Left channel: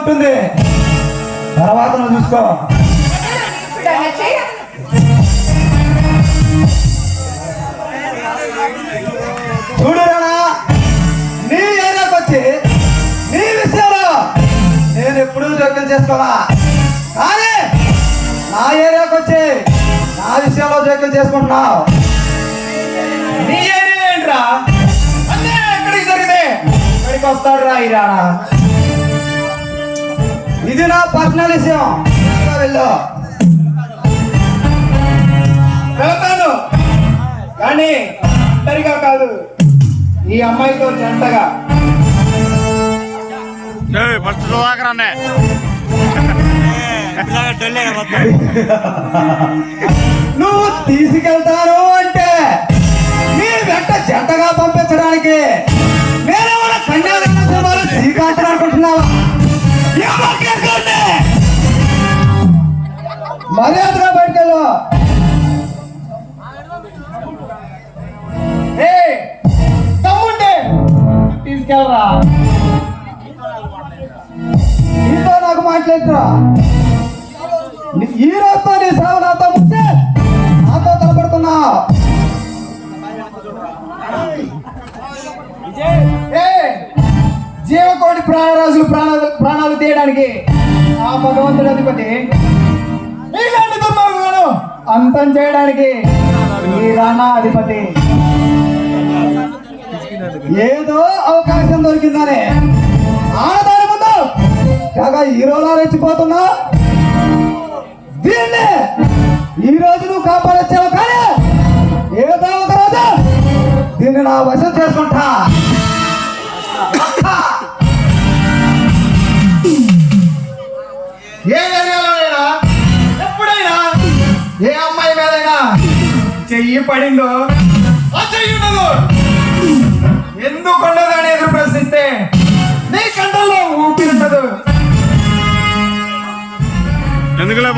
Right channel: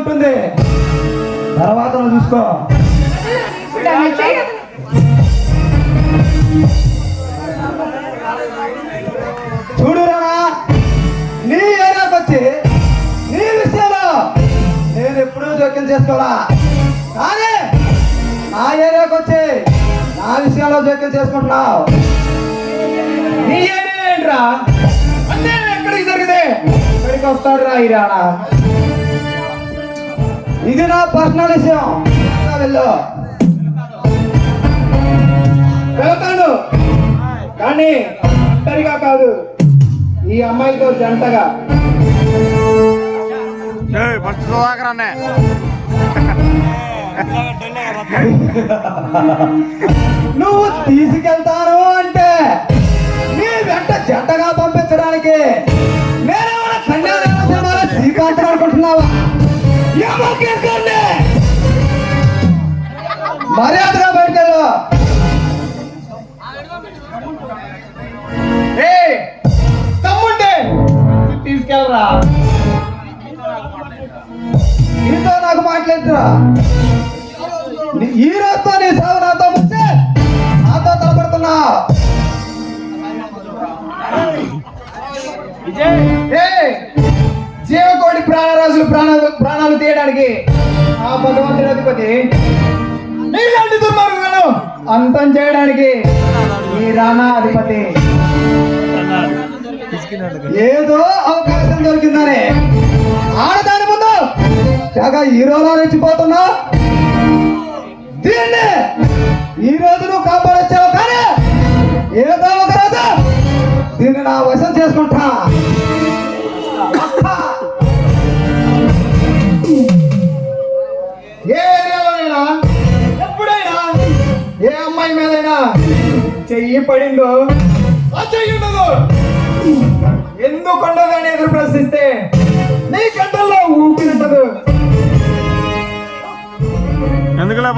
ఉంటుంది, తర్వాత నువ్వు చూసుకో. చూడురా, నీ ఏరియాకి వచ్చి నీ విషయంలో నేను ఎప్పుడూ జోక్యం చేసుకోవాలా, కానీ నా ఏరియాకి వచ్చి నా విషయంలో జోక్యం చేసుకుంటున్నావు. నీ ఏరియా ఏంట్రా? అంటే ఎక్కడికి జరిగితే ఇక్కడికి వస్తాడు రా ఈ రానా. ఇది నా పర్సనల్ విషయం, వెళ్ళు. వెళ్తాను, కానీ ఒంటరిగా కాదు, ఈ అమ్మాయితో జంటగా. ఫస్ట్ సుధాకర్ అన్నే నువ్వు తీసుకెళ్తాను అంటే నీ వెంట జంటగా పంపించడానికి నేను అనుకుంటున్నావా? మర్యాదగా బయటకెళ్ళు. తమ్ముంటే తీసుకెళ్ళరా, నీతో నాకు మాట్లాడుతురా. ఈ రోజుతో నీ సేవ నాతో వచ్చి నాతో తప్పడుతున్నా. జీవకోటి ప్రాణరాశులు ప్రాణాలు తీయడానికి ఆ భగవంతుడి అధిపతి నీలాంటి దుర్మార్గులను అంతం చేయడానికి ఈ రానా అధిపతి. ఏదో అవకాశం దొరికిందని ఆడదాని ముందు తెగ హీరోలో రెచ్చిపోతున్నా. దీన్ని ఈ రోజు నువ్వు కాపాడొచ్చావు, కానీ ఏదో ఒక రోజు దీన్ని నా వశం చేసుకుంటా. ఏ ఏరియాలోనైనా ఎప్పుడైనా ఏ అమ్మాయి మీదైనా చెయ్యి పడిందో ఆ చెయ్యి ఉండదు, ఎందుకు ఉండదు అని ఎదురు ప్రశ్నిస్తే నీ కంటల్లో ఊపి ఉండదు. ఎందుకులే